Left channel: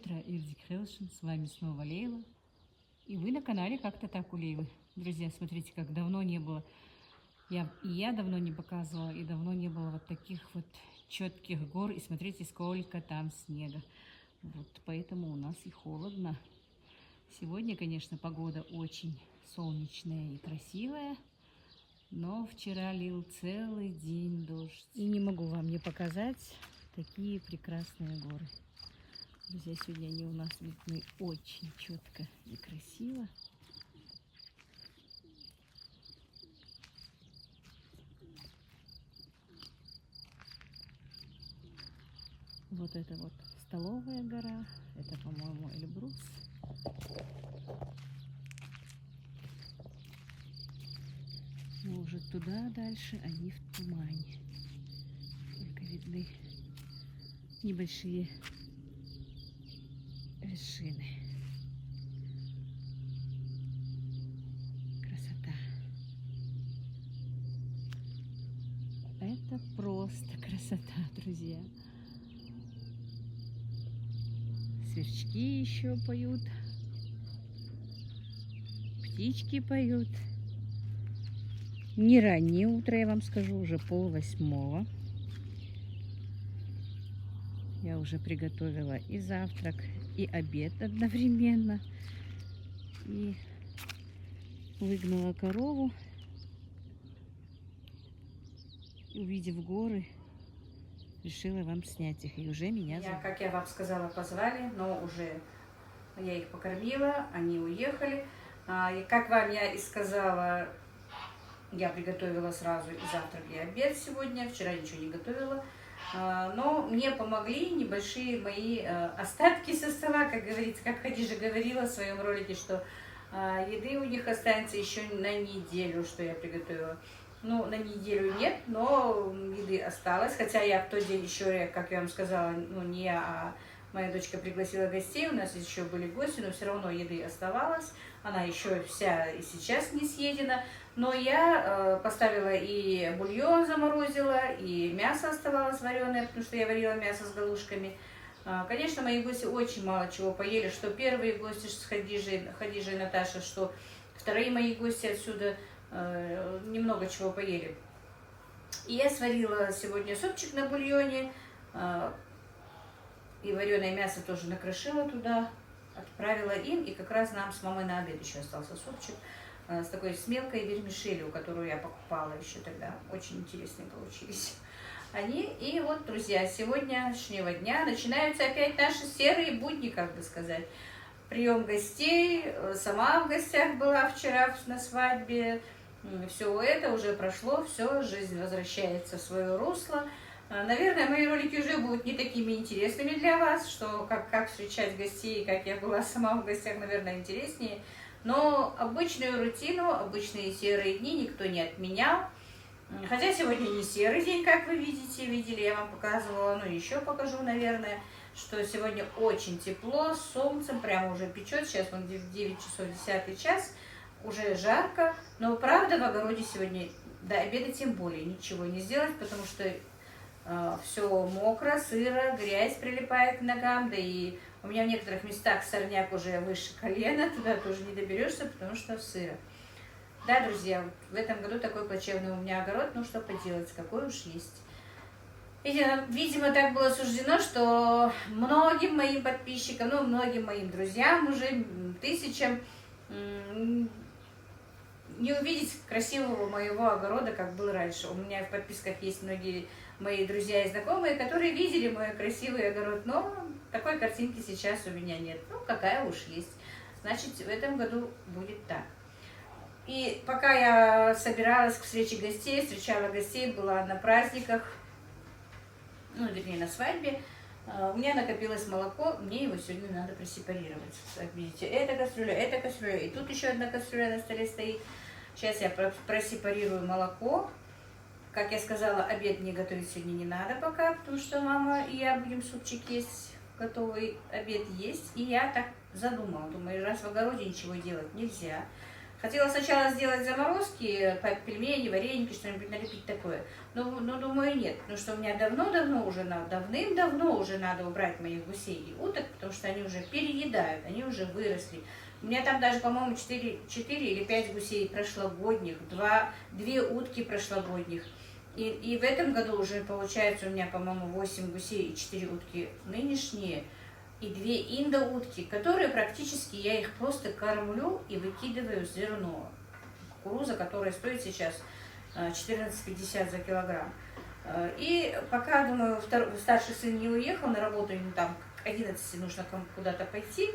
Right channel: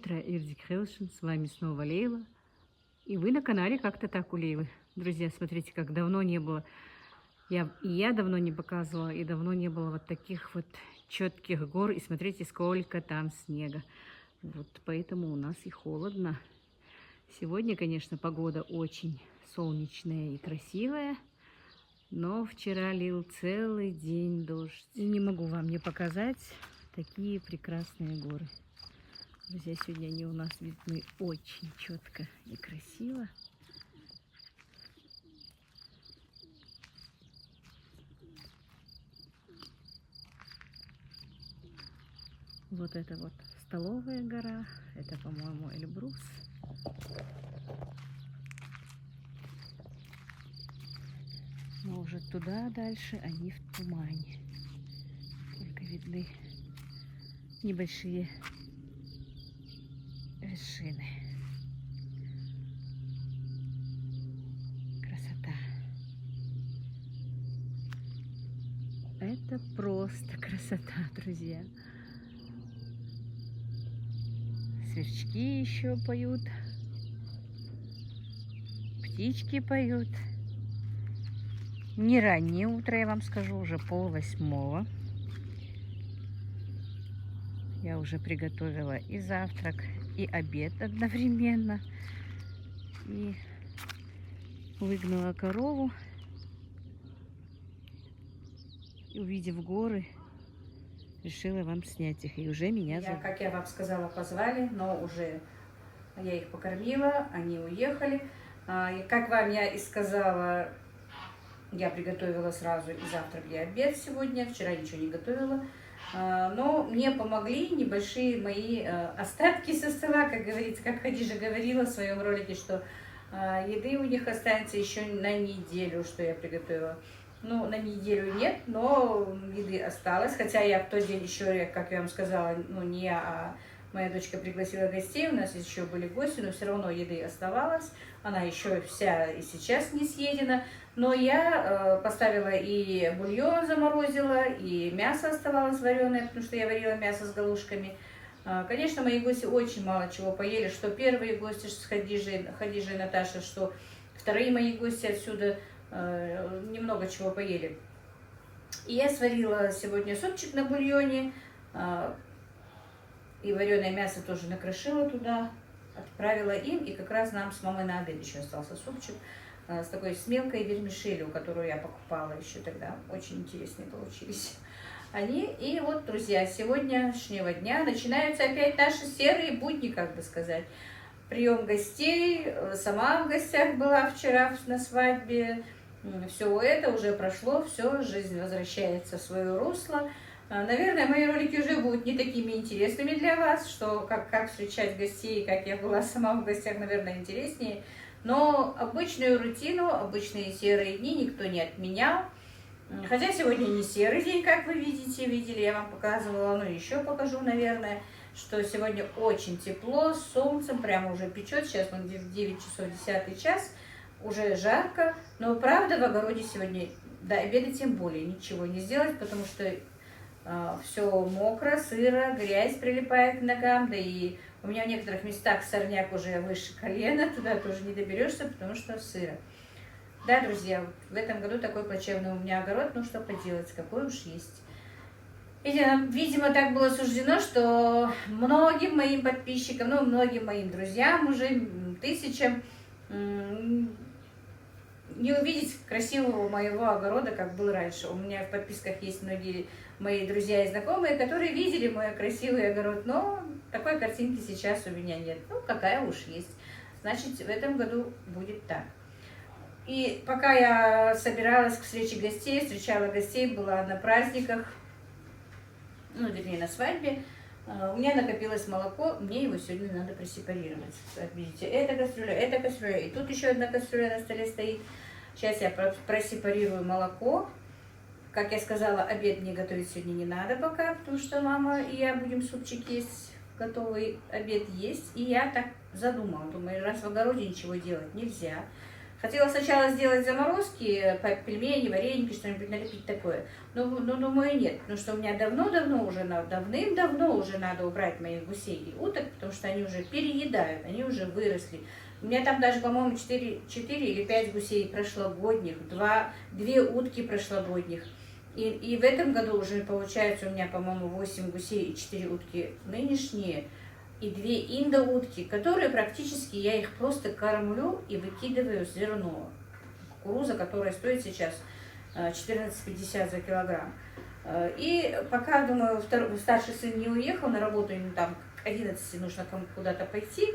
утро, Ирдик Хелшин, с вами снова Лейла. И вы на канале «Как-то так у Лейлы». Друзья, смотрите, как давно не было. Я давно не показывала, и давно не было вот таких вот четких гор. И смотрите, сколько там снега. Вот поэтому у нас и холодно. Сегодня, конечно, погода очень солнечная и красивая. Но вчера лил целый день дождь. И не могу вам не показать такие прекрасные горы. Друзья, сегодня они у нас видны очень четко и красиво. Вот это вот Столовая гора, это, по-моему, Эльбрус. Но уже туда дальше они в тумане. Только видны небольшие вершины. Красота. Это просто красота, друзья. Сверчки еще поют. Птички поют. Не раннее утро, я вам скажу, уже 7:30. Я уже приготовила и завтрак, и обед одновременно. И выгнала корову. И, увидев горы, решила вам снять их. И уже меня зовут. Как я вам сказала, позвали, но уже я их покормила, они уехали. И как вам я и сказала, я приготовила сразу и завтрак, и обед сегодня. Вчера ничего не готовила. Но мне помогли небольшие мои остатки со стола, как говорится, как Хадижа говорила в своем ролике, что еды у них останется еще на неделю, что я приготовила. Ну, на неделю нет, но еды осталось. Хотя я в тот день еще, как я вам сказала, ну не я, а моя дочка пригласила гостей, у нас еще были гости, но все равно еды оставалось. Она еще вся и сейчас не съедена. Но я поставила и бульон заморозила, и мясо оставалось вареное, потому что я варила мясо с галушками. Конечно, мои гости очень мало чего поели, что первые гости с Хадижей и Наташей, что вторые мои гости отсюда немного чего поели. И я сварила сегодня супчик на бульоне, и вареное мясо тоже накрошила туда, отправила им, и как раз нам с мамой на обед еще остался супчик с такой с мелкой вермишелью, которую я покупала еще тогда. Очень интересные получились они. И вот, друзья, с сегодняшнего дня начинаются опять наши серые будни, как бы сказать. Прием гостей, сама в гостях была вчера на свадьбе. Все это уже прошло, все, жизнь возвращается в свое русло. Наверное, мои ролики уже будут не такими интересными для вас, что как встречать гостей, как я была сама в гостях, наверное, интереснее. Но обычную рутину, обычные серые дни никто не отменял. Хотя сегодня не серый день, как вы видели, я вам показывала, но еще покажу, наверное, что сегодня очень тепло, с солнцем, прямо уже печет, сейчас вон 9 часов 10 час, уже жарко, но правда в огороде сегодня до обеда тем более ничего не сделать, потому что все мокро, сыро, грязь прилипает к ногам, да и у меня в некоторых местах сорняк уже выше колена, туда тоже не доберешься, потому что сыро. Да, друзья, вот в этом году такой плачевный у меня огород, ну что поделать, какой уж есть. Видимо, так было суждено, что многим моим подписчикам, ну, многим моим друзьям, уже тысячам, не увидеть красивого моего огорода, как был раньше. У меня в подписках есть многие мои друзья и знакомые, которые видели мой красивый огород, но такой картинки сейчас у меня нет. Ну, какая уж есть. Значит, в этом году будет так. И пока я собиралась к встрече гостей, встречала гостей, была на праздниках, ну, вернее, на свадьбе, у меня накопилось молоко, мне его сегодня надо просепарировать. Как видите, эта кастрюля, и тут еще одна кастрюля на столе стоит. Сейчас я просепарирую молоко. Как я сказала, обед мне готовить сегодня не надо пока, потому что мама и я будем супчик есть, готовый обед есть. И я так задумала, думаю, раз в огороде ничего делать нельзя, Хотела сначала сделать заморозки, пельмени, вареники, что-нибудь налепить такое. Но думаю, нет, потому что у меня давным-давно уже надо убрать моих гусей и уток, потому что они уже переедают, они уже выросли. У меня там даже, по-моему, 4 или 5 гусей прошлогодних, 2 утки прошлогодних. И в этом году уже получается у меня, по-моему, 8 гусей и 4 утки нынешние. И 2 индоутки, которые практически я их просто кормлю и выкидываю зерно. Кукуруза, которая стоит сейчас 14,50 за килограмм. И пока, думаю, старший сын не уехал на работу, ему там к 11 нужно куда-то пойти,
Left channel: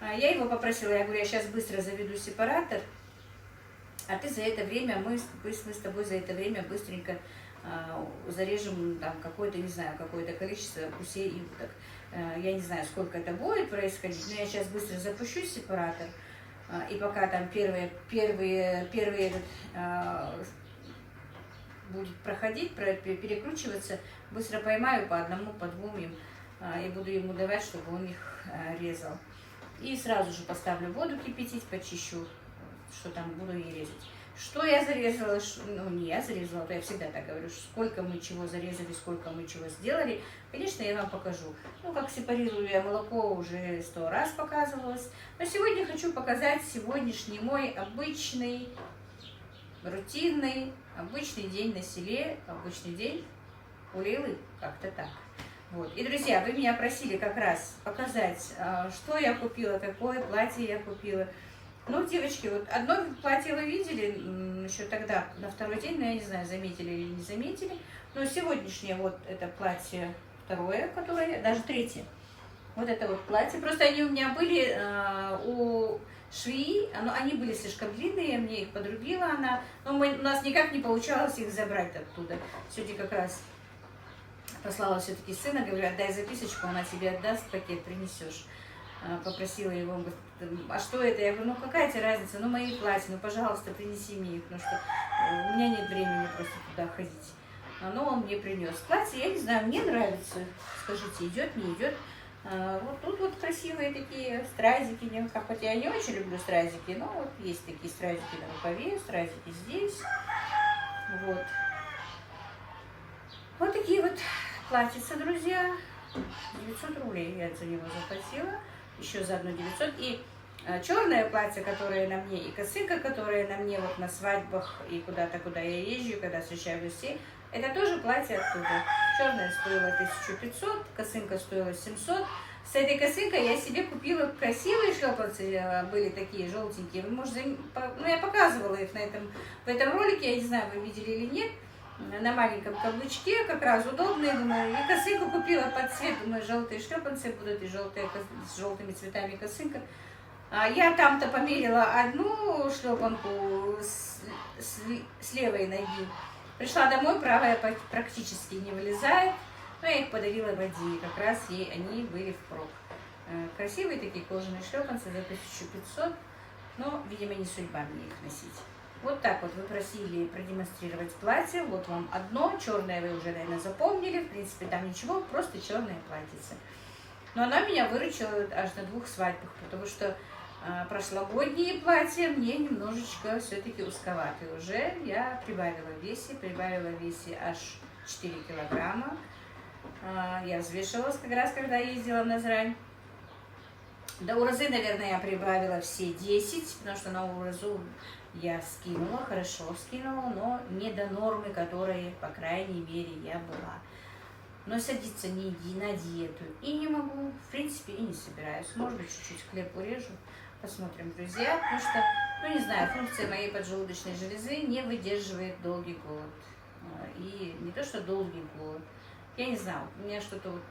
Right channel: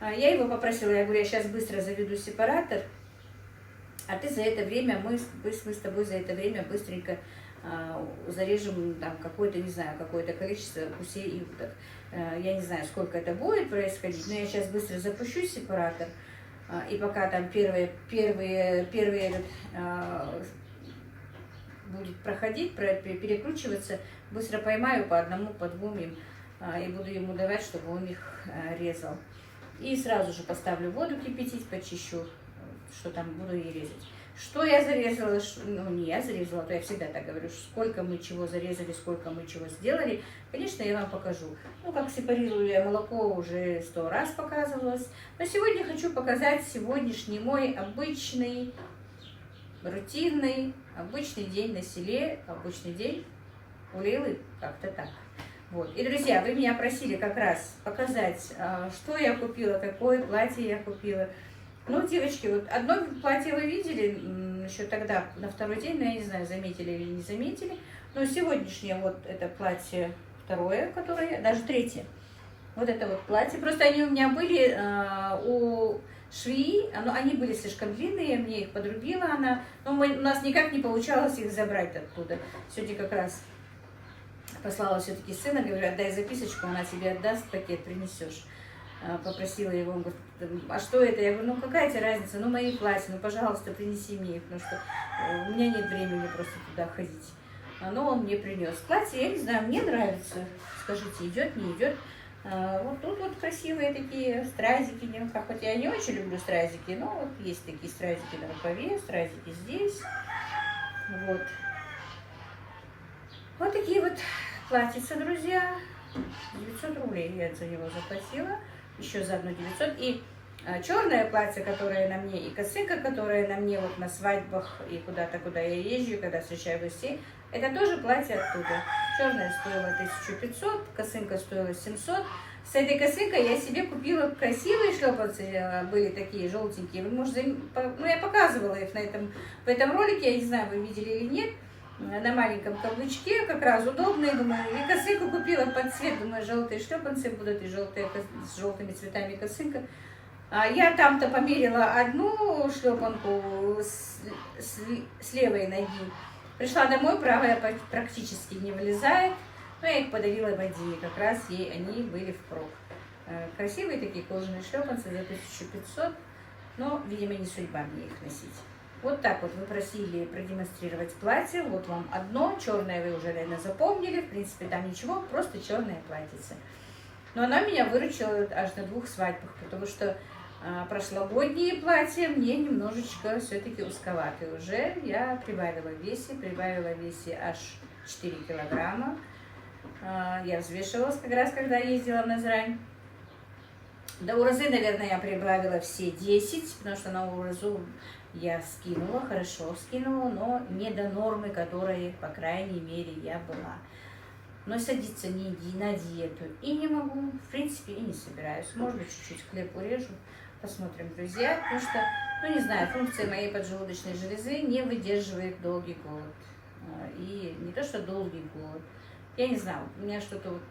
я его попросила, я говорю, я сейчас быстро заведу сепаратор, а ты за это время, мы с тобой за это время быстренько зарежем там какое-то, не знаю, какое-то количество гусей и уток. Я не знаю, сколько это будет происходить, но я сейчас быстро запущу сепаратор, и пока там первый этот, будет проходить, перекручиваться, быстро поймаю по одному, по двум им, и буду ему давать, чтобы он их резал. И сразу же поставлю воду кипятить, почищу, что там буду и резать. Что я зарезала, ну не я зарезала, то я всегда так говорю, сколько мы чего зарезали, сколько мы чего сделали. Конечно, я вам покажу. Ну, как сепарирую я молоко, уже 100 раз показывалось. Но сегодня хочу показать сегодняшний мой обычный, рутинный, обычный день на селе, обычный день у Лейлы, как-то так. Вот. И, друзья, вы меня просили как раз показать, что я купила, какое платье я купила. Ну, девочки, вот одно платье вы видели еще тогда, на второй день, но я не знаю, заметили или не заметили. Но сегодняшнее вот это платье второе, которое, даже третье. Вот это вот платье. Просто они у меня были у швеи, они были слишком длинные, мне их подрубила она. Но у нас никак не получалось их забрать оттуда. Сегодня как раз послала все-таки сына, говорю, отдай записочку, она тебе отдаст, пакет принесешь. Попросила его, он говорит, а что это? Я говорю, ну какая тебе разница, ну мои платья, ну пожалуйста, принеси мне их, потому что у меня нет времени просто туда ходить. Но он мне принес платье, я не знаю, мне нравится, скажите, идет, не идет. Вот тут вот красивые такие стразики, хоть я не очень люблю стразики, но вот есть такие стразики на рукаве, стразики здесь, вот. Вот такие вот платьица, друзья, 900 рублей я за него заплатила. Еще заодно 900. И черное платье, которое на мне, и косынка, которая на мне вот на свадьбах и куда-то, куда я езжу, когда встречаю гостей, это тоже платье оттуда. Черное стоило 1500, косынка стоила 700. С этой косынкой я себе купила красивые шлепанцы, были такие желтенькие. Вы можете, ну я показывала их в этом ролике, я не знаю, вы видели или нет. На маленьком каблучке, как раз удобные, думаю, и косынку купила под цвет, думаю, желтые шлепанцы будут, и желтые, с желтыми цветами косынка. Я там-то померила одну шлепанку с левой ноги, пришла домой, правая практически не вылезает, но я их подарила Ваде, как раз ей они были впрок. Красивые такие кожаные шлепанцы за 1500, но, видимо, не судьба мне их носить. Вот так вот вы просили продемонстрировать платье. Вот вам одно. Черное вы уже, наверное, запомнили. В принципе, там ничего, просто черное платьице. Но она меня выручила аж на 2 свадьбах, потому что прошлогодние платья мне немножечко все-таки узковаты. Уже я прибавила в весе аж 4 килограмма. Я взвешивалась как раз, когда ездила в Назрань. До Уразы, наверное, я прибавила все 10, потому что на Уразу я скинула, хорошо скинула, но не до нормы, которой, по крайней мере, я была. Но садиться на диету и не могу, в принципе, и не собираюсь. Может быть, чуть-чуть хлеб урежу, посмотрим, друзья, потому что, ну, не знаю, функция моей поджелудочной железы не выдерживает долгий голод. И не то, что долгий голод, я не знаю, у меня что-то вот,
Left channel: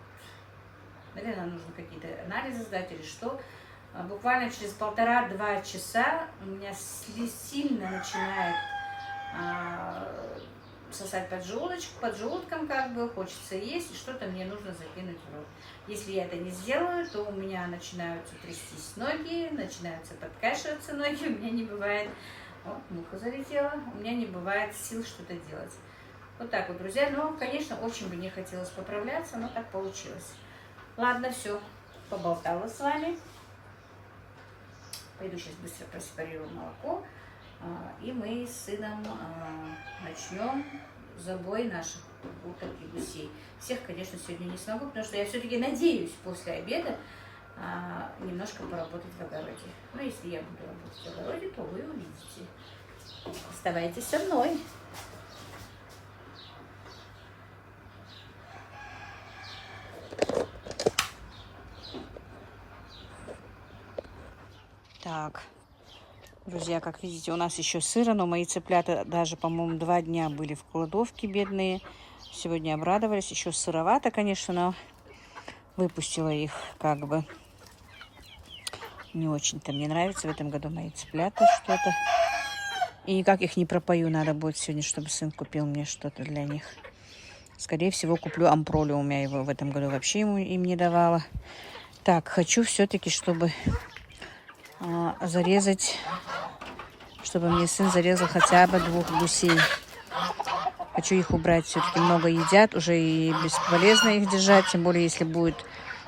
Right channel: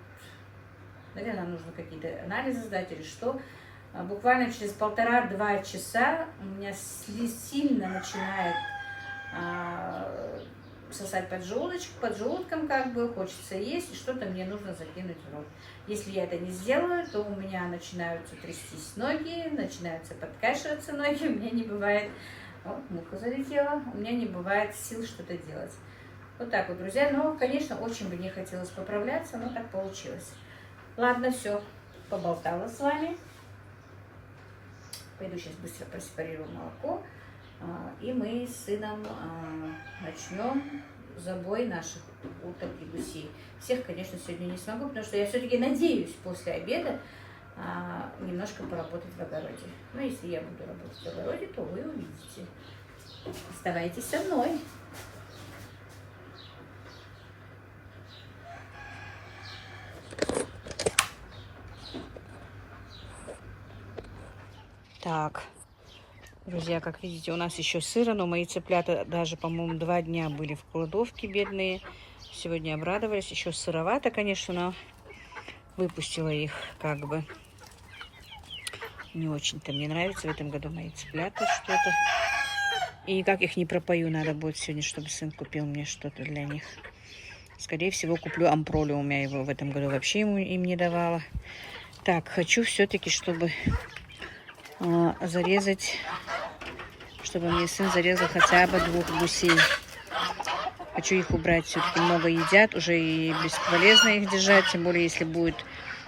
наверное, нужно какие-то анализы сдать или что. Буквально через 1,5-2 часа у меня сильно начинает сосать поджелудком как бы, хочется есть, и что-то мне нужно закинуть в рот. Если я это не сделаю, то у меня начинаются трястись ноги, начинаются подкашиваться ноги, у меня не бывает, вот муха залетела, у меня не бывает сил что-то делать. Вот так вот, друзья, но, конечно, очень бы не хотелось поправляться, но так получилось. Ладно, все, поболтала с вами. Пойду сейчас быстро просепарирую молоко. И мы с сыном начнем забой наших уток и гусей. Всех, конечно, сегодня не смогу, потому что я все-таки надеюсь после обеда немножко поработать в огороде. Но если я буду работать в огороде, то вы увидите. Оставайтесь со мной. Так, друзья, как видите, у нас еще сыро, но мои цыплята даже, по-моему, 2 дня были в кладовке, бедные. Сегодня обрадовались. Еще сыровато, конечно, но выпустила их как бы. Не очень-то мне нравится в этом году мои цыплята что-то. И как их не пропою, надо будет сегодня, чтобы сын купил мне что-то для них. Скорее всего, куплю ампролиум. Я его в этом году вообще им не давала. Так, хочу все-таки, чтобы зарезать, чтобы мне сын зарезал хотя бы 2 гусей. Хочу их убрать. Все-таки много едят. Уже и бесполезно их держать. Тем более, если будет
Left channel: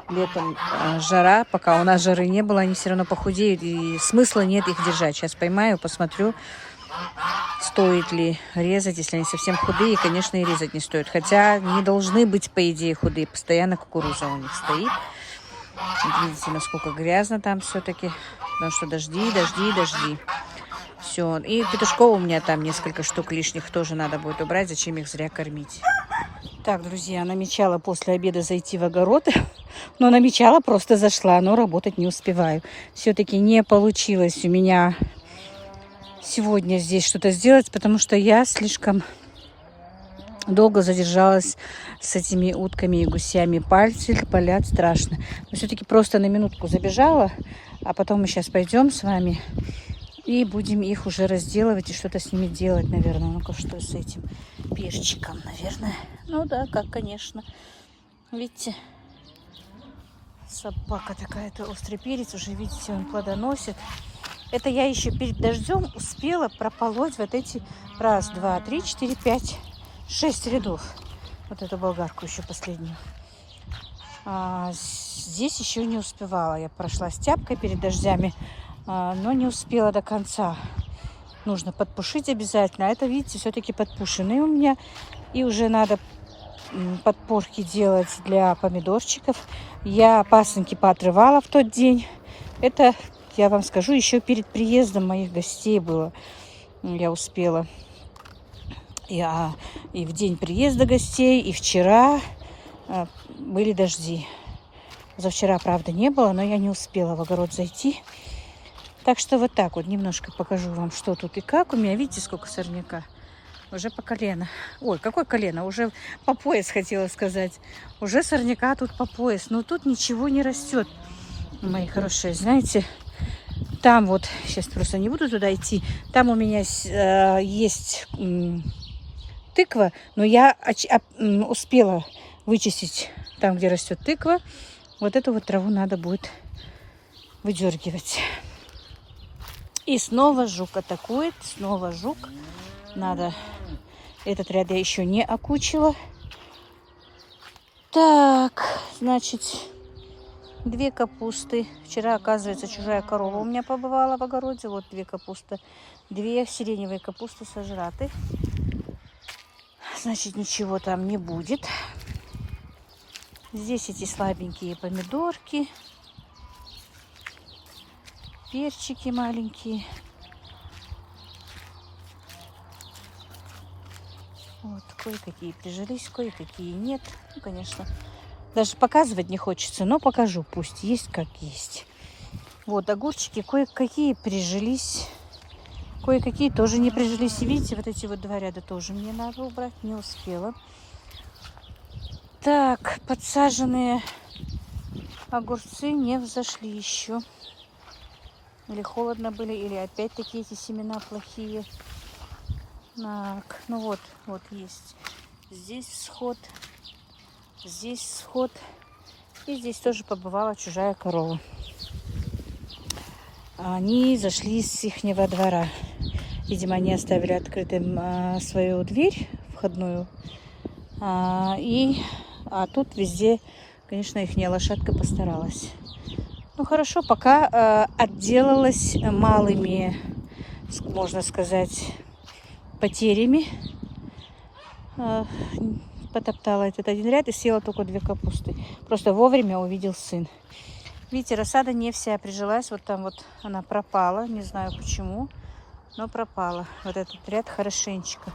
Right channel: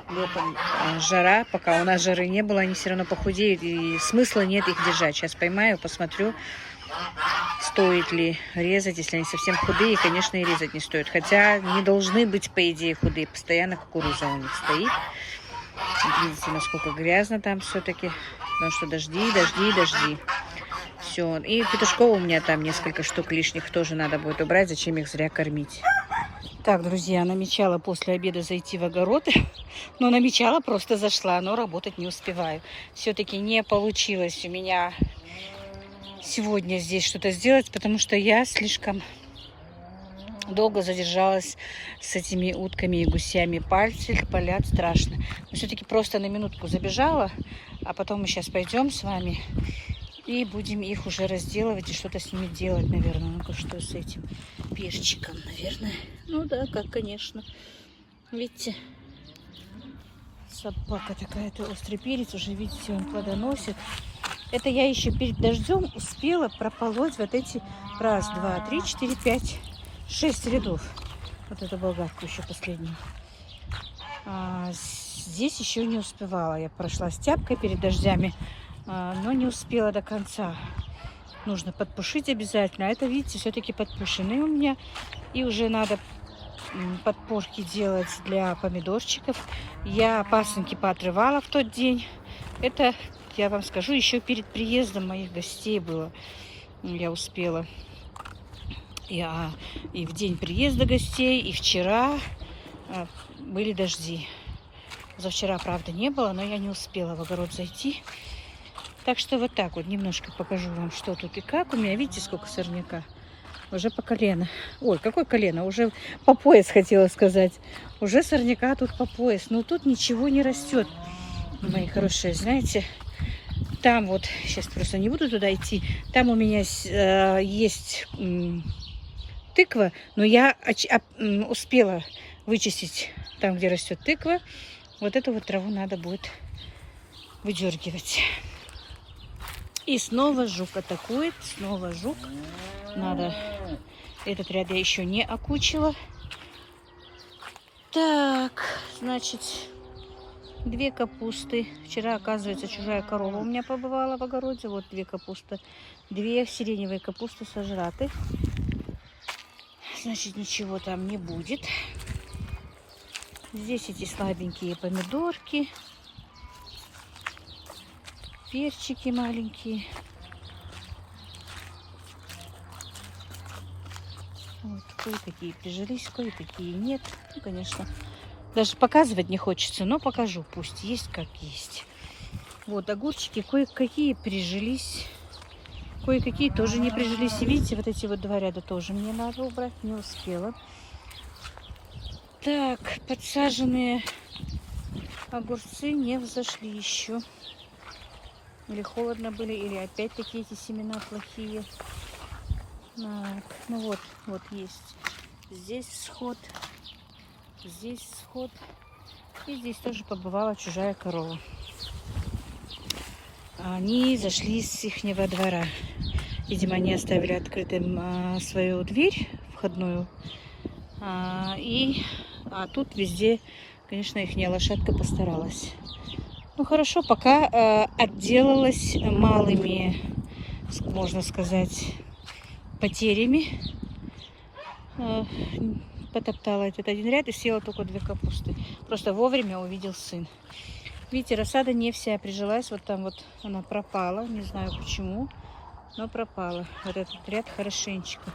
летом жара. Пока у нас жары не было, они все равно похудеют. И смысла нет их держать. Сейчас поймаю, посмотрю, стоит ли резать. Если они совсем худые, конечно, и резать не стоит. Хотя не должны быть, по идее, худые. Постоянно кукуруза у них стоит. Вот видите, насколько грязно там все-таки. Потому что дожди. Все. И петушков у меня там несколько штук лишних тоже надо будет убрать. Зачем их зря кормить? Так, друзья, намечала после обеда зайти в огород. Но намечала, просто зашла. Но работать не успеваю. Все-таки не получилось у меня сегодня здесь что-то сделать. Потому что я слишком долго задержалась с этими утками и гусями. Пальцы болят страшно. Но все-таки просто на минутку забежала. А потом мы сейчас пойдем с вами и будем их уже разделывать и что-то с ними делать, наверное. Ну-ка, что с этим перчиком, наверное. Ну да, как, конечно. Видите, собака такая-то, острый перец. Уже, видите, он плодоносит. Это я еще перед дождем успела прополоть вот эти 1, 2, 3, 4, 5, 6 рядов. Вот эту болгарку еще последнюю. Здесь еще не успевала. Я прошла с тяпкой перед дождями, но не успела до конца. Нужно подпушить обязательно. А это, видите, все-таки подпушенные у меня. И уже надо подпорки делать для помидорчиков. Я пасынки поотрывала в тот день. Это, я вам скажу, еще перед приездом моих гостей было. Я успела. И в день приезда гостей, и вчера были дожди. Завчера, правда, не было, но я не успела в огород зайти. Так что вот так вот немножко покажу вам, что тут и как. У меня, видите, сколько сорняка? Уже по колено. Ой, какое колено? Уже по пояс, хотела сказать. Уже сорняка тут по пояс. Но тут ничего не растет, мои хорошие. Знаете, там вот, сейчас просто не буду туда идти. Там у меня есть тыква, но я успела вычистить там, где растет тыква. Вот эту вот траву надо будет выдергивать. И снова жук атакует. Снова жук. Надо... Этот ряд я еще не окучила. Так, значит, 2 капусты. Вчера, оказывается, чужая корова у меня побывала в огороде. Вот 2 капусты. 2 сиреневые капусты сожраты. Значит, ничего там не будет. Здесь эти слабенькие помидорки. Перчики маленькие. Вот, кое-какие прижились, кое-какие нет. Ну, конечно, даже показывать не хочется, но покажу. Пусть есть как есть. Вот, огурчики кое-какие прижились. Кое-какие тоже не прижились. И видите, вот эти вот 2 ряда тоже мне надо убрать. Не успела. Так, подсаженные огурцы не взошли еще. Или холодно были, или опять-таки эти семена плохие. Так, ну вот, вот есть. Здесь всход, здесь всход. И здесь тоже побывала чужая корова. Они зашли с ихнего двора. Видимо, они оставили открытым свою дверь входную. А тут везде, конечно, ихняя лошадка постаралась. Ну хорошо, пока отделалась малыми, можно сказать, потерями. Потоптала этот один ряд и съела только 2 капусты. Просто вовремя увидел сын. Видите, рассада не вся прижилась. Вот там вот она пропала. Не знаю почему, но пропала. Вот этот ряд хорошенечко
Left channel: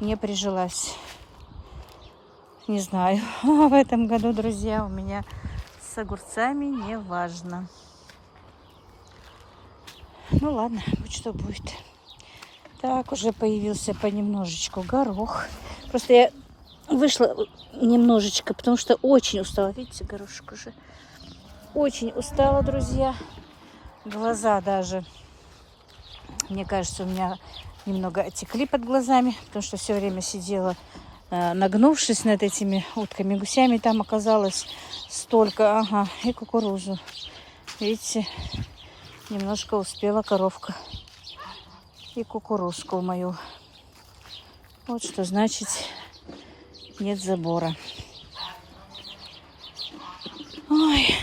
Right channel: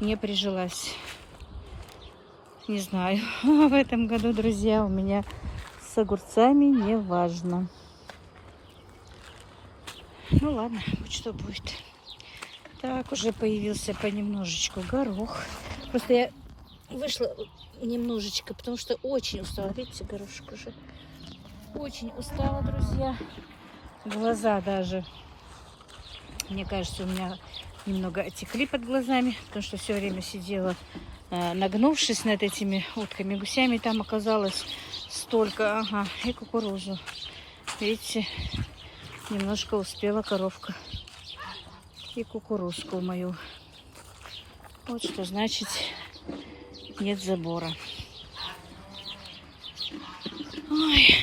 не прижилась. Не знаю. В этом году, друзья, у меня с огурцами не важно. Ну ладно, вот что будет. Так, уже появился понемножечку горох. Просто я вышла немножечко, потому что очень устала. Видите, горошек уже. Очень устала, друзья. Глаза даже, мне кажется, у меня немного отекли под глазами, потому что все время сидела, нагнувшись над этими утками, гусями. Там оказалось столько, ага, и кукурузу. Видите, немножко успела коровка и кукурузку мою. Вот что значит нет забора. Ой,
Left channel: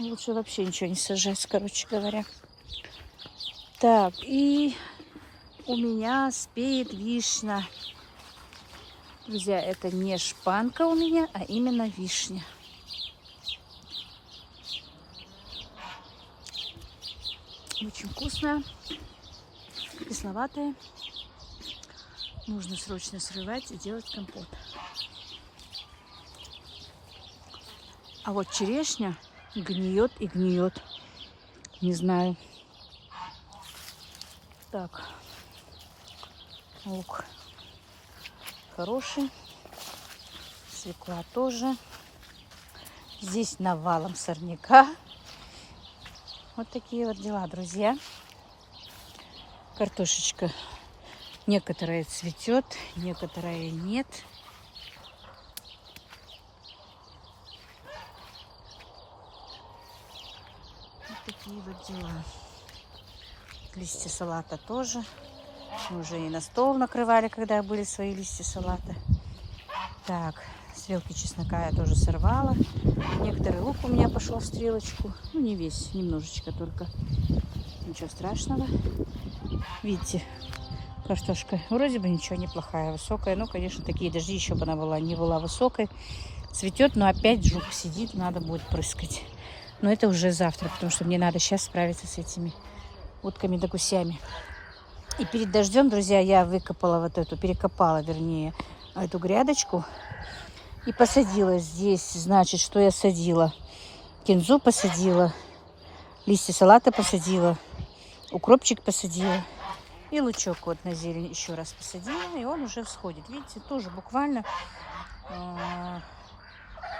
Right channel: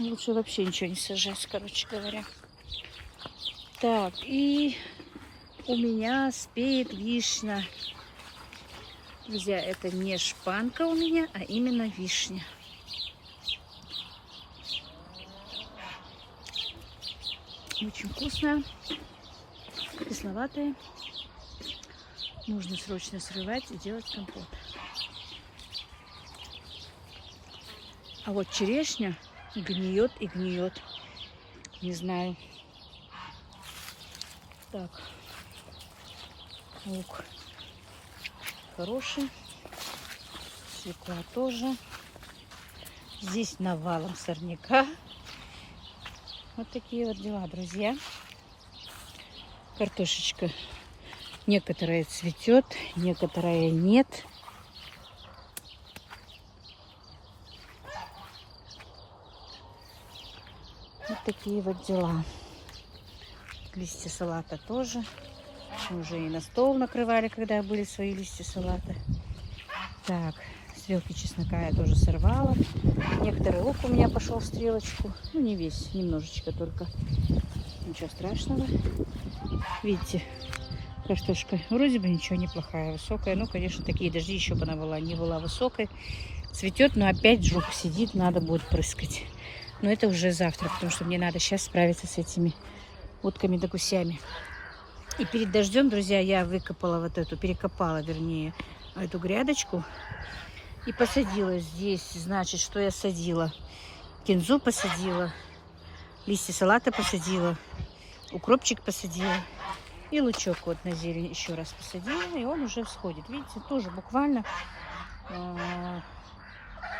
лучше вообще ничего не сажать, короче говоря. Так, и у меня спеет вишня. Друзья, это не шпанка у меня, а именно вишня. Очень вкусная, кисловатая. Нужно срочно срывать и делать компот. А вот черешня гниет и гниет. Не знаю. Так. Лук хороший. Свекла тоже. Здесь навалом сорняка. Вот такие вот дела, друзья. Картошечка некоторая цветет, некоторая нет. Вот такие вот дела. Листья салата тоже. Мы уже и на стол накрывали, когда были свои листья салата. Так, стрелки чеснока я тоже сорвала. Некоторый лук у меня пошел в стрелочку. Ну, не весь, немножечко только. Ничего страшного. Видите, картошка вроде бы ничего, неплохая, высокая. Ну, конечно, такие дожди, еще бы она была, не была высокой. Цветет, но опять жук сидит, надо будет прыскать. Но это уже завтра, потому что мне надо сейчас справиться с этими утками да гусями. И перед дождем, друзья, я выкопала вот эту, перекопала, вернее, эту грядочку и посадила здесь. Значит, что я садила? Кинзу посадила, листья салата посадила, укропчик посадила и лучок вот на зелень еще раз посадила, и он уже всходит. Видите, тоже буквально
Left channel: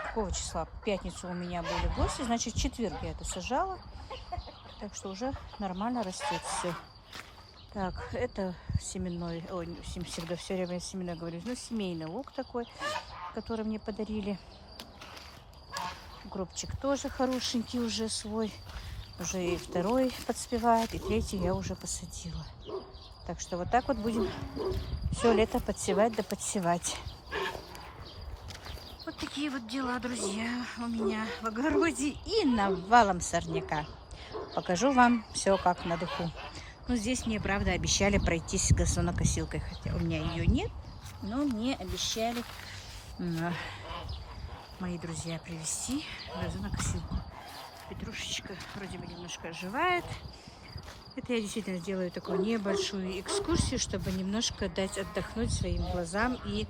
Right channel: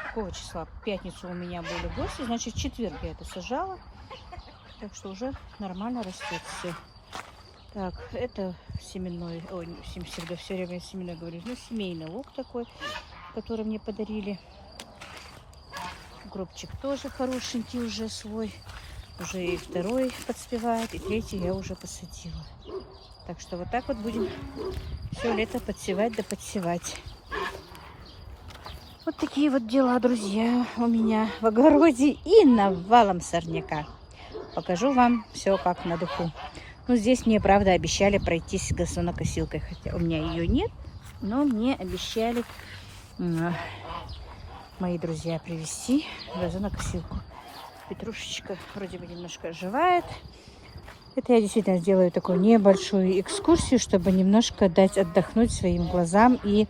какого числа? В пятницу у меня были гости, значит, в четверг я это сажала. Так что уже нормально растет все. Так, это семенной, ой, всегда все время семенной говорю, ну, семейный лук такой, который мне подарили. Укропчик тоже хорошенький уже свой. Уже и второй подспевает, и третий я уже посадила. Так что вот так вот будем все лето подсевать да подсевать. Вот такие вот дела, друзья, у меня в огороде и навалом сорняка. Покажу вам все как на духу. Ну, здесь мне, правда, обещали пройтись газонокосилкой, хотя у меня ее нет, но мне обещали мои друзья привезти газонокосилку. Петрушечка вроде бы немножко оживает. Это я действительно сделаю такую небольшую экскурсию, чтобы немножко дать отдохнуть своим глазам и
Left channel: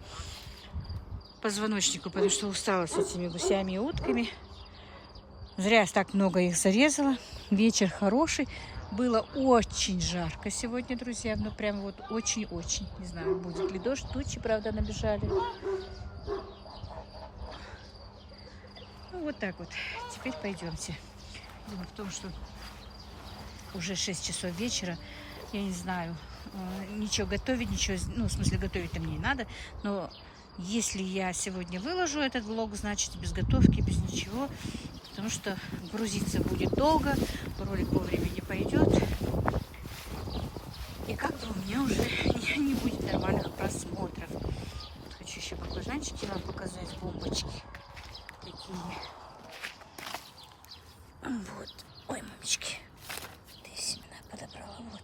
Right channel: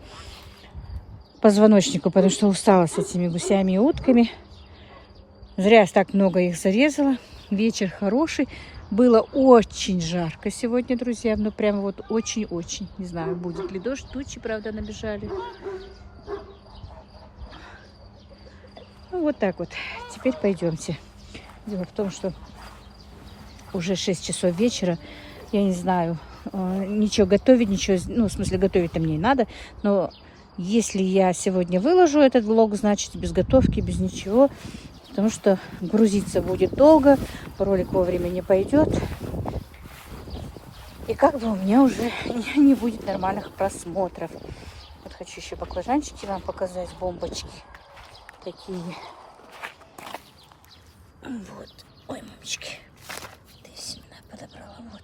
позвоночнику, потому что устала с этими гусями и утками. Зря так много их зарезала. Вечер хороший. Было очень жарко сегодня, друзья. Ну, прямо вот очень-очень. Не знаю, будет ли дождь. Тучи, правда, набежали. Ну, вот так вот. Теперь пойдемте. Дело в том, что уже 6 часов вечера. Я не знаю, ничего готовить, ничего... Ну, в смысле, готовить-то мне не надо. Но если я сегодня выложу этот влог, значит, без готовки, без ничего. Потому что грузиться будет долго. Ролик вовремя не пойдет. И как бы у меня уже не будет нормальных просмотров. Вот хочу еще баклажанчики вам показать. Бомбочки такие. Вот. Ой, мамочки. Ты семена подобрала. Вот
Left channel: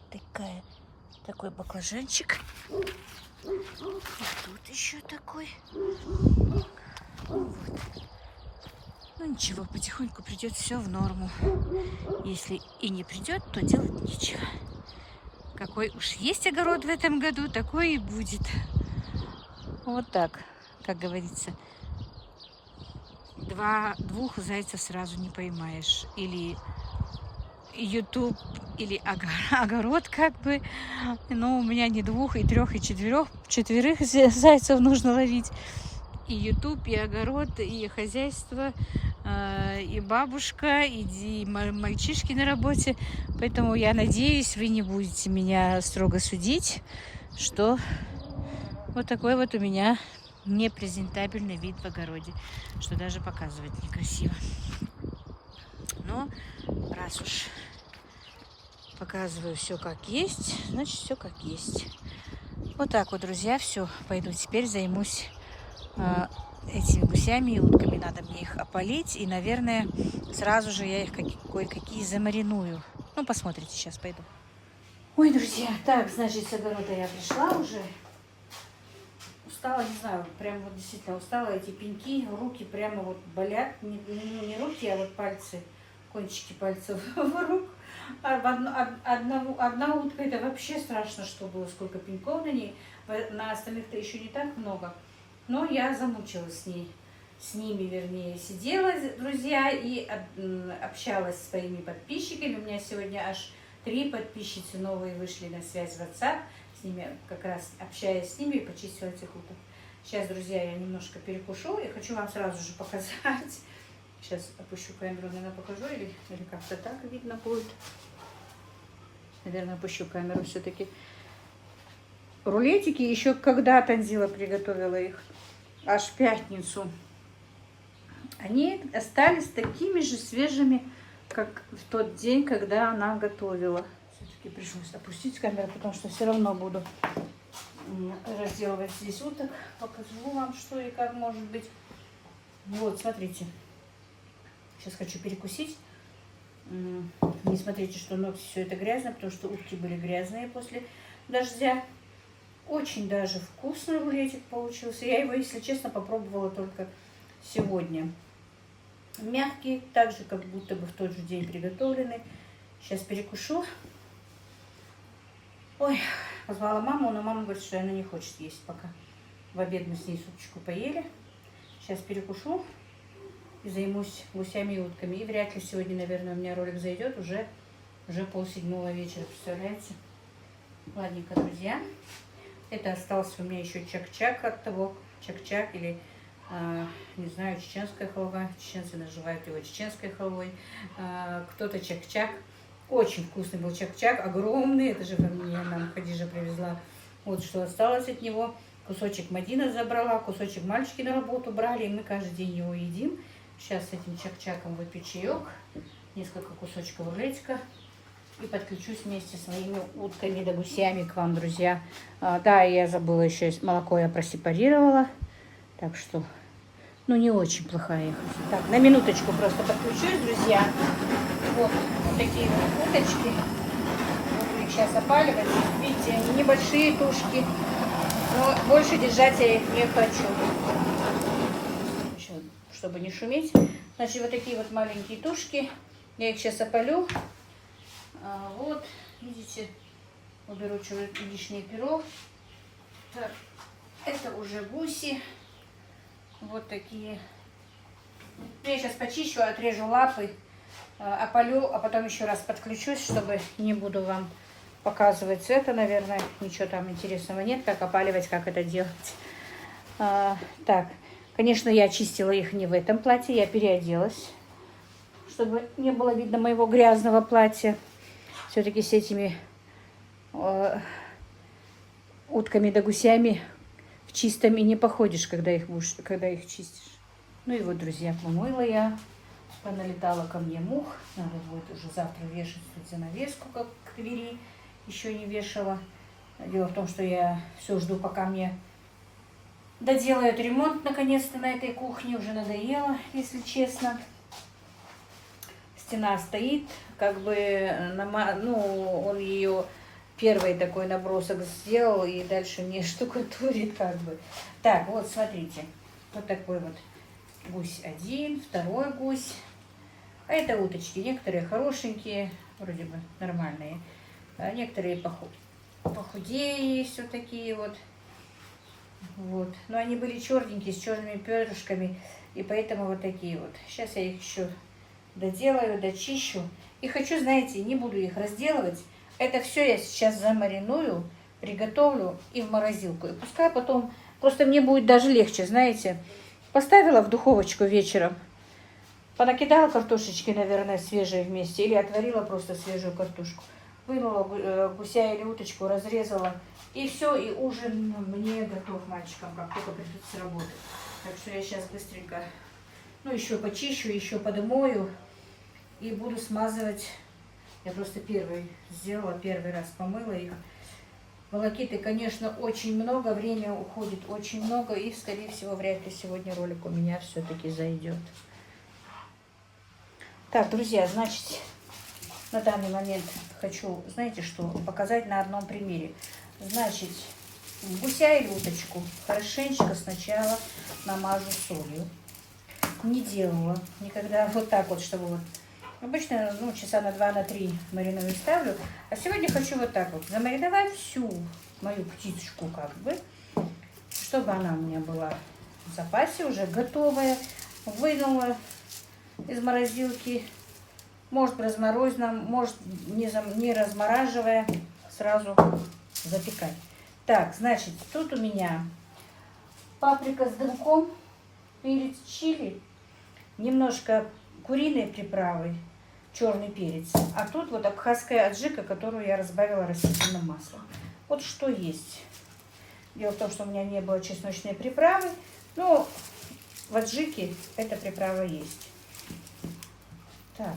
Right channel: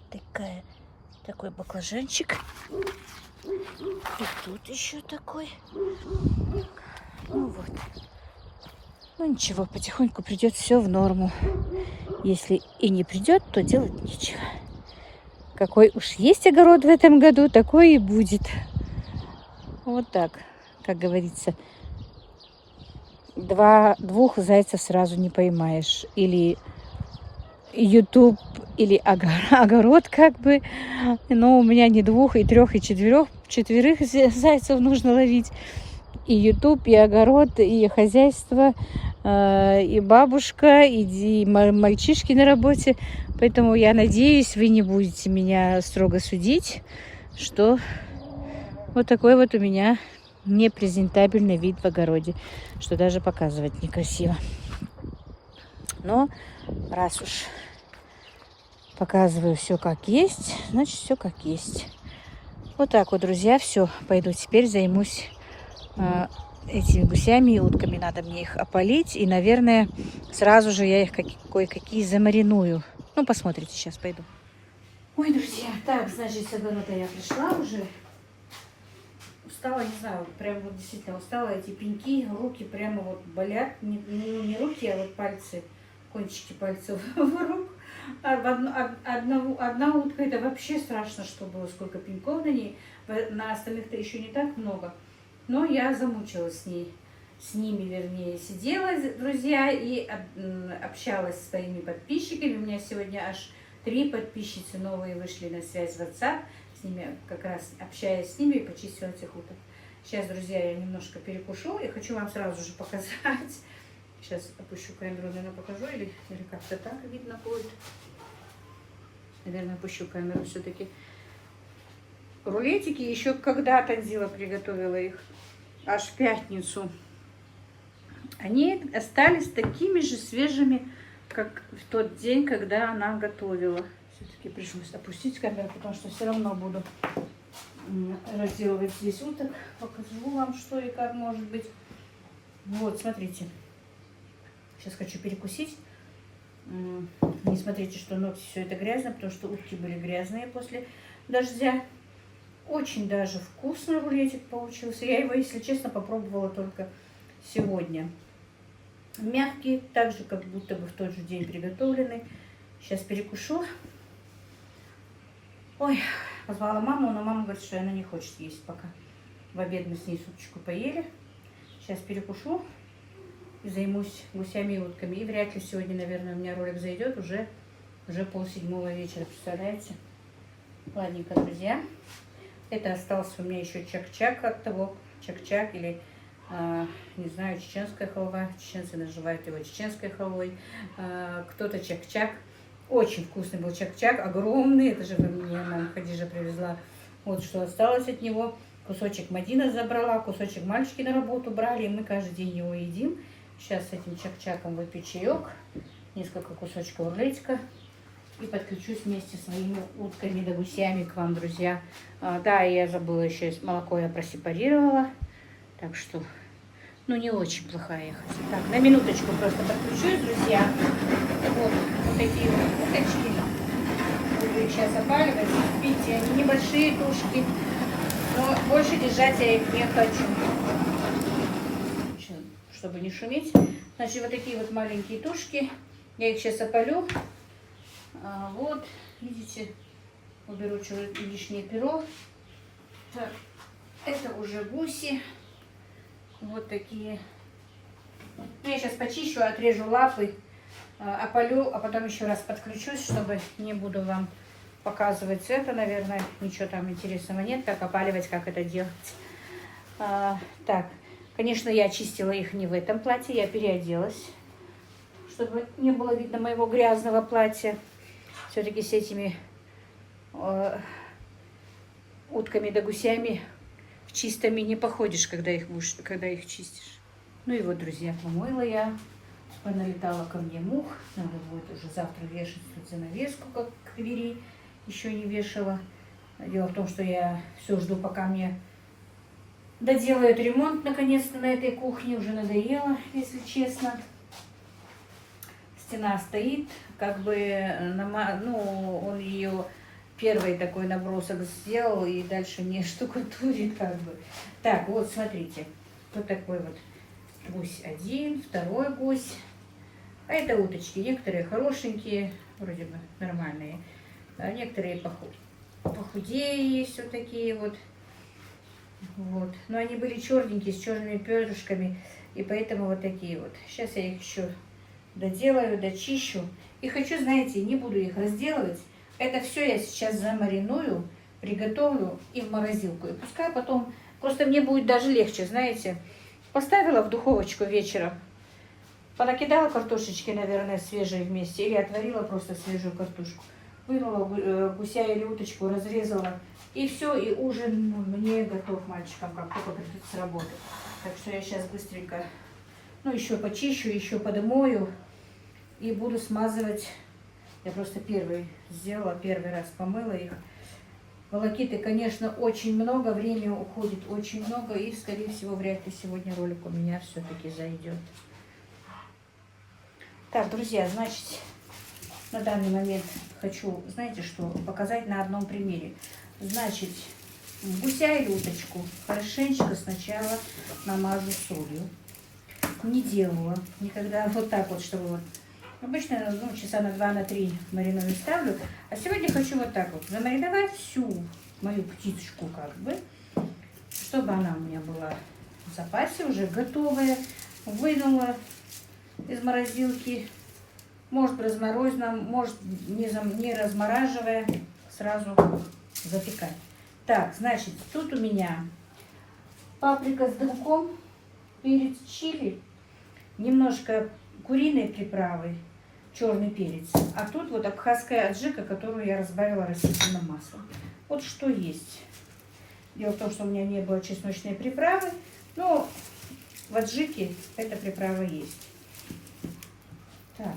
такой баклажанчик. И тут еще такой. Ну вот. Ну ничего, потихоньку придет все в норму. Если и не придет, то делать нечего. Какой уж есть огород в этом году, такой и будет. Вот так, как говорится. Двух зайцев сразу не поймаешь. Или YouTube, или огород как бы. Но у меня не 2, и 3, и 4 зайцев нужно ловить. И YouTube, и огород, и хозяйство, и бабушка, и мальчишки на работе. Поэтому я надеюсь, вы не будете меня строго судить, что вот такой вот у меня непрезентабельный вид в огороде, что даже показывать некрасиво. Но раз уж показываю все как есть, значит все как есть. Вот так вот, друзья, все. Пойду теперь займусь этими гусями и утками. Надо мне их опалить. И, наверное, сразу же я их кое-какие замариную. Ну, посмотрите, сейчас пойду. Ой, друзья, так, значит, с огорода я пришла уже. Устала, не знаю, прям вот действительно устала. Эти пеньки, руки прямо вот болят. Не руки, а вот пальцы, кончики пальцев рук. Одна утка, это вообще страшно, что было, сколько пеньков на ней. На остальных-то еще не так много. Но я замучилась с ними, вернее, сидела, друзья, и общалась с своими подписчиками. У меня сегодня аж 3 подписчицы новые вышли на связь в WhatsApp. С ними, как раз общаясь с ними, почистила этих уток. Сейчас, друзья, я немножко перекушу и хочу вам сразу же показать. Сейчас опущу камеру, наверное, покажу, или как-то так видно будет. Наверное, опущу камеру все-таки. Рулетики еще когда Танзила приготовила их, аж в пятницу. Они остались такими же свежими, как в тот день, когда она готовила. Все-таки пришлось опустить камеру, потому что все равно буду разделывать здесь уток. Покажу вам, что и как может быть. Вот, смотрите. Сейчас хочу перекусить. Не смотрите, что ногти все это грязно, потому что утки были грязные после дождя. Очень даже вкусный рулетик получился. Я его, если честно, попробовала только сегодня. Мягкий, так же, как будто бы в тот же день приготовленный. Сейчас перекушу. Ой, позвала маму, но мама говорит, что она не хочет есть пока. В обед мы с ней супчику поели. Сейчас перекушу и займусь гусями и утками. И вряд ли сегодня, наверное, у меня ролик зайдет. Уже 6:30 вечера, представляете? Ладненько, друзья. Это остался у меня еще чак-чак от того. Чак-чак или, не знаю, чеченская халва. Чеченцы называют его чеченской халвой. Кто-то чак-чак. Очень вкусный был чак-чак. Огромный. Это же нам Хадижа привезла. Вот что осталось от него. Кусочек Мадина забрала. Кусочек мальчики на работу брали. И мы каждый день его едим. Сейчас с этим чак-чаком выпью чаек. Несколько кусочков рулетика. И подключусь вместе с своими утками да гусями к вам, друзья. Да, я забыла еще, молоко я просепарировала. Так что, ну, не очень плохая их. Так, на минуточку просто подключусь, друзья. Вот такие вот уточки. Буду их сейчас опаливать. Видите, они небольшие тушки. Но больше держать я их не хочу. Чтобы не шуметь. Значит, вот такие вот маленькие тушки. Я их сейчас опалю. Вот, видите, уберу лишнее перо. Так, это уже гуси. Вот такие. Я сейчас почищу, отрежу лапы, опалю, а потом еще раз подключусь, чтобы не буду вам показывать это, наверное, ничего там интересного нет, как опаливать, как это делать. Так, конечно, я очистила их не в этом платье, я переоделась, чтобы не было видно моего грязного платья. Все-таки с этими утками да гусями в чистыми не походишь, когда их чистишь. Ну и вот, друзья, помыла я. Налетала ко мне мух. Надо будет уже завтра вешать занавеску, как к двери. Еще не вешала. Дело в том, что я все жду, пока мне доделают ремонт наконец-то на этой кухне. Уже надоело, если честно. стена стоит, как бы, ну, он ее первый такой набросок сделал и дальше не штукатурит, как бы. Так, вот смотрите, вот такой вот гусь один, второй гусь. А это уточки, некоторые хорошенькие, вроде бы нормальные, а некоторые похудее есть вот такие вот. Вот. Но они были черненькие, с черными перышками, и поэтому вот такие вот. Сейчас я их еще доделаю, дочищу. И хочу, знаете, не буду их разделывать. Это все я сейчас замариную, приготовлю и в морозилку. И пускай потом, просто мне будет даже легче, знаете. Поставила в духовочку вечером, понакидала картошечки, наверное, свежие вместе, или отварила просто свежую картошку. Вынула гуся или уточку, разрезала. И все, и ужин мне готов мальчикам, как только придут с работы. Так что я сейчас быстренько, ну, еще почищу, еще подмою и буду смазывать. Я просто первый сделала, первый раз помыла их. Волокиты, конечно, очень много, время уходит очень много, и, скорее всего, вряд ли сегодня ролик у меня все-таки зайдет. Так, друзья, значит, на данный момент хочу, знаете что, показать на одном примере. Значит, гуся или уточку хорошенечко сначала намажу солью. Не делала никогда вот так вот, чтобы вот. Обычно, ну, часа на 2-3 мариную ставлю. А сегодня хочу вот так вот замариновать всю мою птичку, как бы, чтобы она у меня была в запасе, уже готовая. Вынула из морозилки. Может разморозить, может не размораживая, сразу запекать. Так, значит, тут у меня паприка с дымком, перец чили, немножко куриной приправы, черный перец. А тут вот абхазская аджика, которую я разбавила растительным маслом. Вот что есть. Дело в том, что у меня не было чесночной приправы, но в аджике эта приправа есть. Так.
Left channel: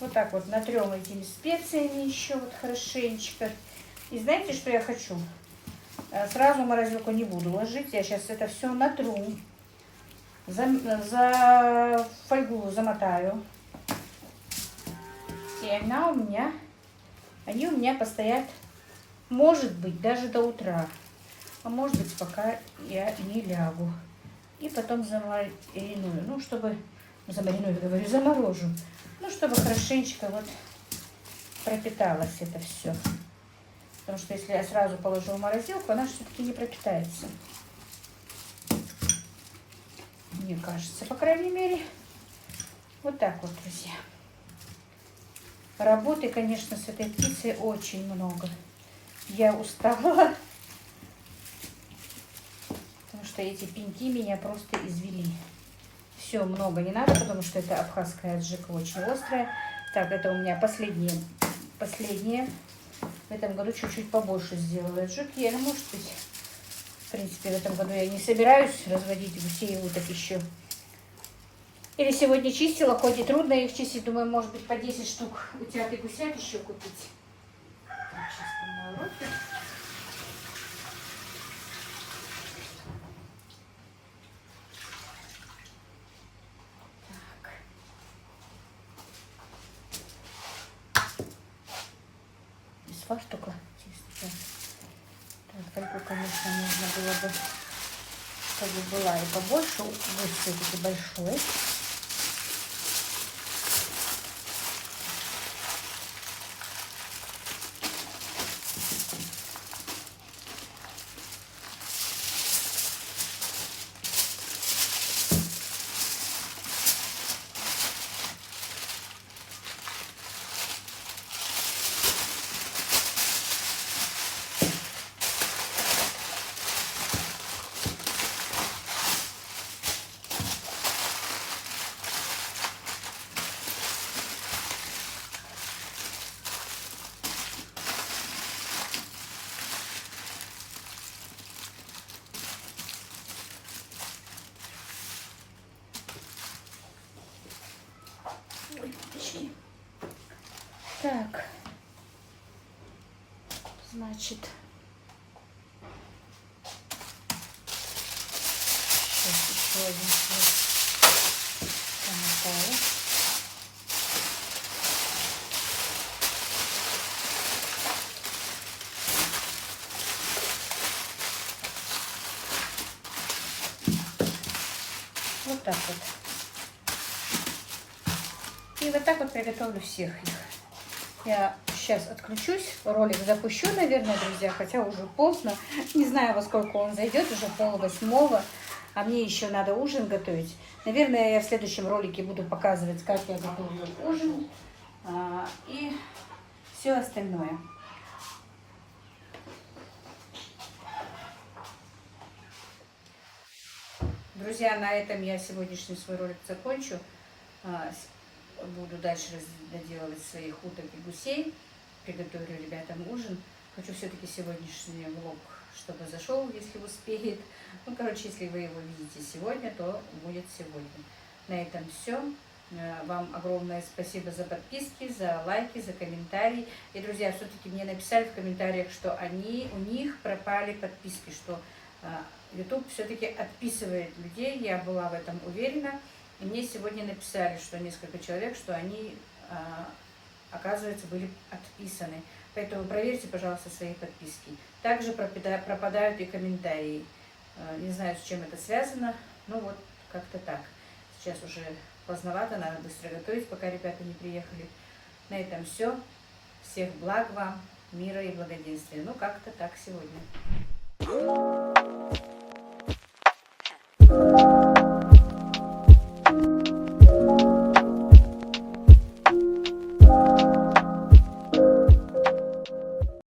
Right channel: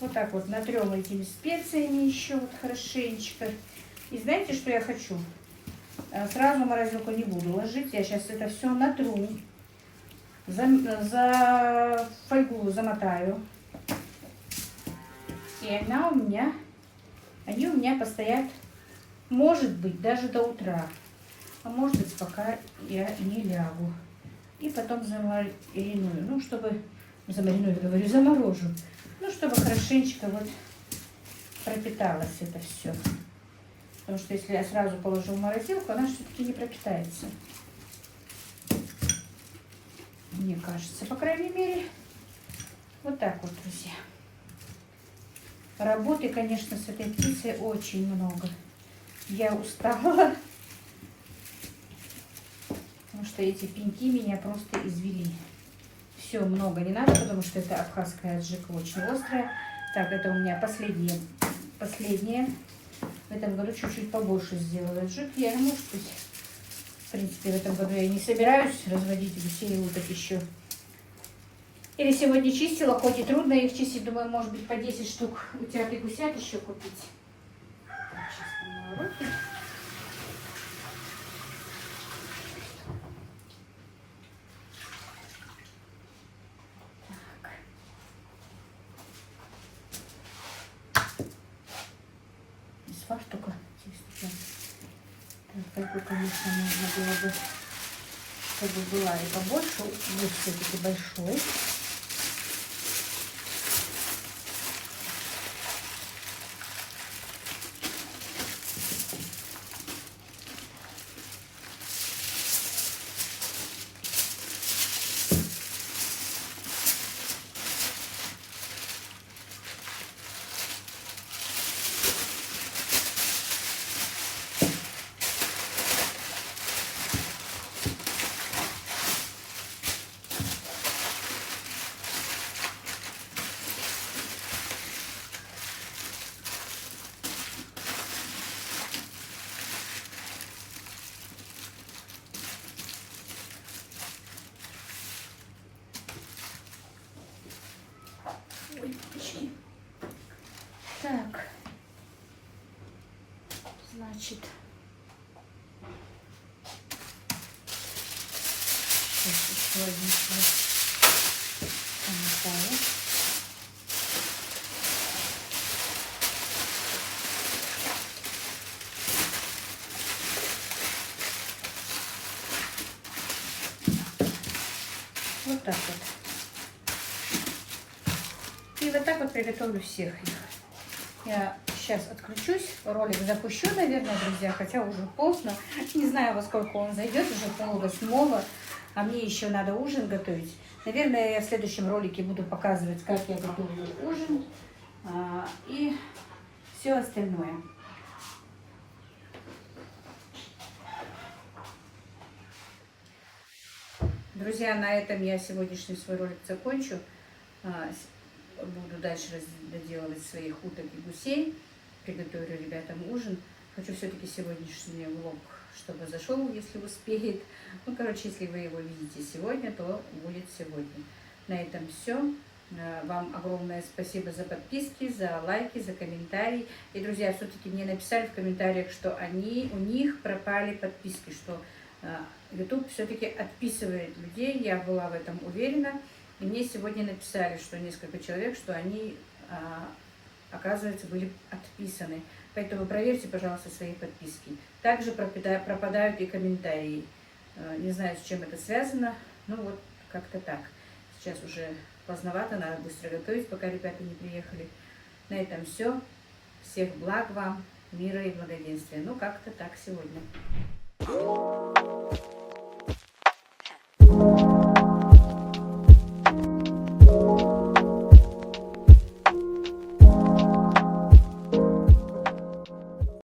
Вот так вот натрем этими специями еще вот хорошенечко. И знаете, что я хочу? Сразу в морозилку не буду ложить. Я сейчас это все натру. За фольгу замотаю. И они у меня постоят, может быть, даже до утра. А может быть, пока я не лягу. И потом замариную. Ну, чтобы... Замариную, говорю, заморожу. Ну, чтобы хорошенечко вот пропиталось это все. Потому что если я сразу положу в морозилку, она все-таки не пропитается. Мне кажется, по крайней мере. Вот так вот, друзья. Работы, конечно, с этой птицей очень много. Я устала. Потому что эти пеньки меня просто извели. Все, много не надо, потому что это абхазская аджика очень острая. Так, это у меня последние. В этом году чуть-чуть побольше сделала аджики. Я, может быть, в принципе, в этом году я не собираюсь разводить гусей и уток еще. Или сегодня чистила, хоть и трудно их чистить. Думаю, может быть, по 10 штук утят и гусят еще купить. Так, сейчас помою руки. Фартука чистить. Фольгу, конечно, нужно было бы, чтобы была и побольше. Вот все-таки большой. Так, значит, сейчас еще один слой намотаю. так вот. И вот так вот приготовлю всех их. Я сейчас отключусь, ролик запущу, наверное, друзья, хотя уже поздно. Не знаю, во сколько он зайдет, уже 7:30, а мне еще надо ужин готовить. Наверное, я в следующем ролике буду показывать, как я готовлю ужин и все остальное. Друзья, на этом я сегодняшний свой ролик закончу. Буду дальше доделывать своих уток и гусей. Приготовлю ребятам ужин. Хочу все-таки сегодняшний влог, чтобы зашел, если успеет. Ну, короче, если вы его видите сегодня, то будет сегодня. На этом все. Вам огромное спасибо за подписки, за лайки, за комментарии. И, друзья, все-таки мне написали в комментариях, что у них пропали подписки, что YouTube все-таки отписывает людей. Я была в этом уверена. И мне сегодня написали, что несколько человек, что они, оказывается, были отписаны. Поэтому проверьте, пожалуйста, свои подписки. Также пропадают и комментарии. Не знаю, с чем это связано. Ну вот, как-то так. Сейчас уже поздновато, надо быстро готовить, пока ребята не приехали. На этом все. Всех благ вам, мира и благоденствия. Ну, как-то так сегодня.